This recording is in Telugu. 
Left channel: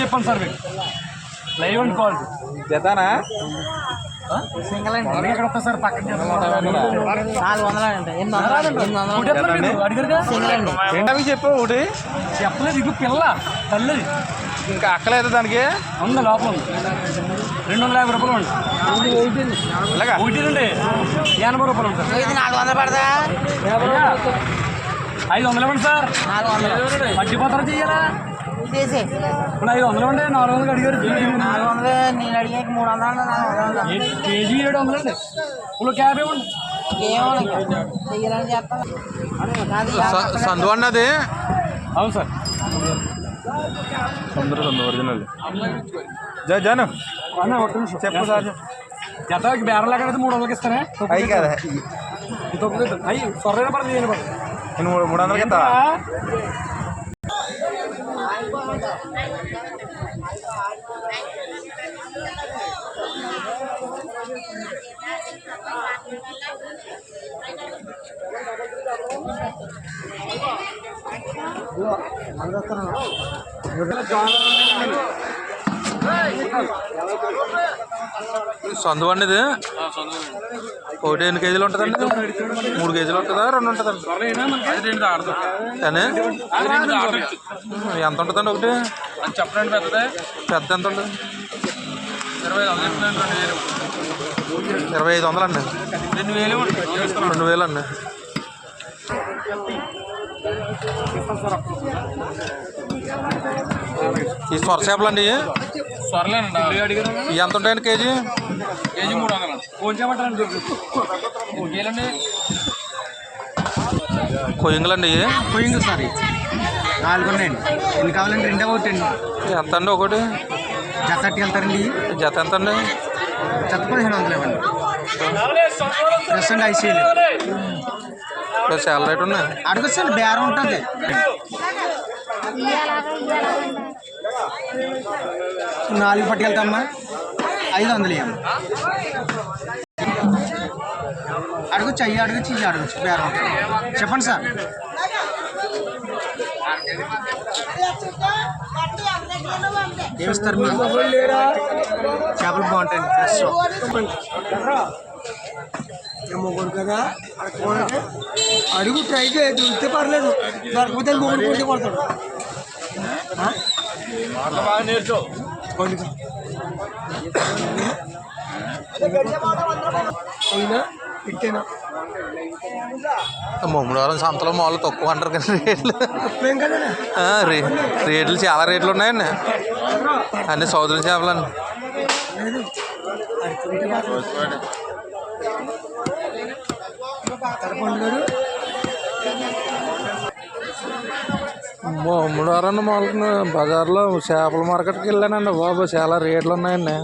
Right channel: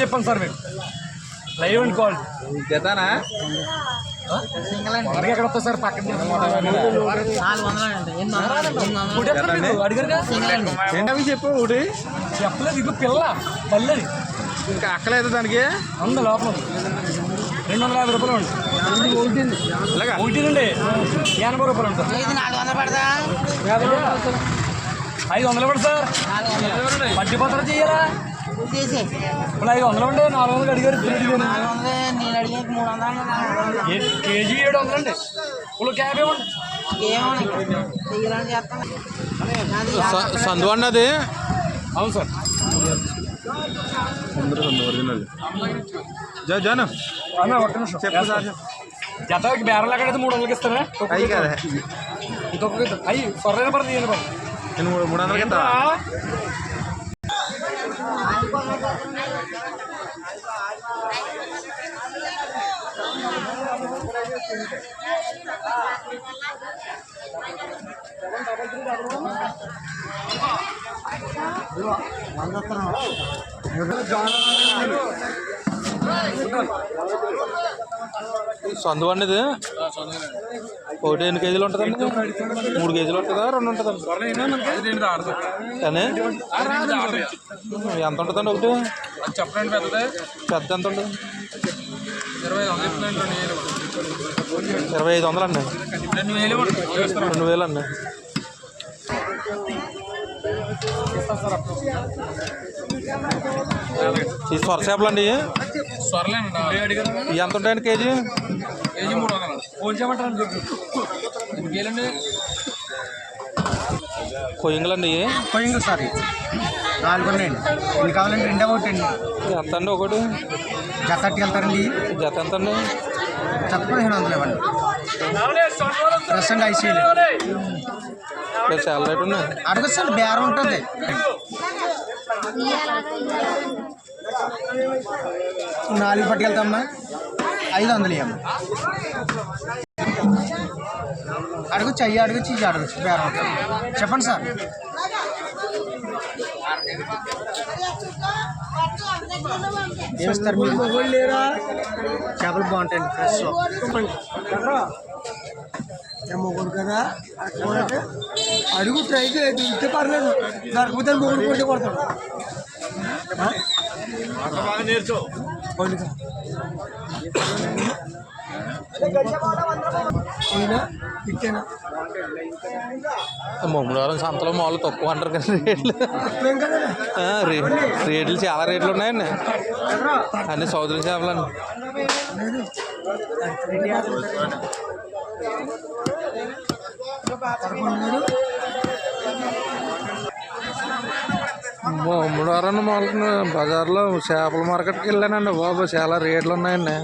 చెప్పండి సార్ మీకు లైవ్ అండ్ కాల్ జతానా ఎక్కడ వస్తుంది సార్ పక్కన ఏంటవి చెప్పు ఒకటి చెప్పలేదు ఇది పిల్ల తల్లది ఇంకా అక్కలేదు దానికి ఉంది లోపల 250 రూపాయలు అండి ఇలాగా ఒకటి అండి 80 రూపాయలు అండి సార్ 400 పడదా 500 ఇవ్వండి సార్ మధ్యపత్రం చెయ్యాలా ఇప్పుడు 500 అండి 400 అడిగారు 400 నేను అడిగాక 300 కేజీ 700 అండి ఇప్పుడు క్యాబ్ ఇవ్వండి ఏమో చెయ్యాలని చేస్తాను సందు అన్నది అవును సార్ సందు ఒరిజినల్ జాను అన్న ఒక్క నిమిషం చెప్పు సార్ జతకి బేరలు ఎక్కడైతే 300కి ఇస్తారా అయ్యి కదా ఇంకొక అయ్యి సొర్రైన పడుతుంది నేను పడుతుంది నేను 300కి ఇస్తా సందు అండి ఇది ఒకటి ఎన్ని కేజీలు ఉంటుందండి 3 కేజీలు ఉంటుందా 2 ఉంటుందండి కానీ ఎంత ఉంటుందండి ఒకటి చెప్పండి పెద్ద ఎంత ఉంటుంది 2500 అండి 2000 అండి ఈ సొర చేపలు అండి ఇవి ఎంత ఉంటాయండి కేజీ కేజీ 300 ఫోన్ చేయమంటారండి కొయ్యంగులు అండి ఇవి కొయ్యంగులు సార్ 4 అండి ఎన్ని కావాలండి 2 ఒకటండి ఎంత అండి ఒకటి జత వెళ్తారండి జత ఎంత అండి జత 1500 ఇవ్వండి ప్రస్తుతం ఐసీలు చాలా రేట్ ఉన్నాయి అడగచ్చండి బేరం ఉంటుంది 4 పట్టుకెళ్తామ్మా 500 ఇవ్వండి అడగచ్చు అయ్యి అడగచ్చు ఇది అడగచ్చు బేరం చెప్పండి సార్ ఏమిస్తారు మీరు చేపలు బాగుంటాయండి ఫ్రెష్ మొగుడు కదా అడుగు ట్రై చేయొచ్చు ఉంటే పర్లేదు దొరకపోతే మొగుడు కొట్టి కొడతాడు ముమ్మడివారం సంతలో మామూలు తక్కువ అంటారు కదా రేట్లు చాలా రేట్లు ఉన్నాయండి అన్ని సౌదరి చేపలండి ముమ్మడివారం మామూలు బజార్లో చేపల మార్కెట్కి వెళ్ళానండి బాబు చాలా రేట్లు ఉన్నాయండి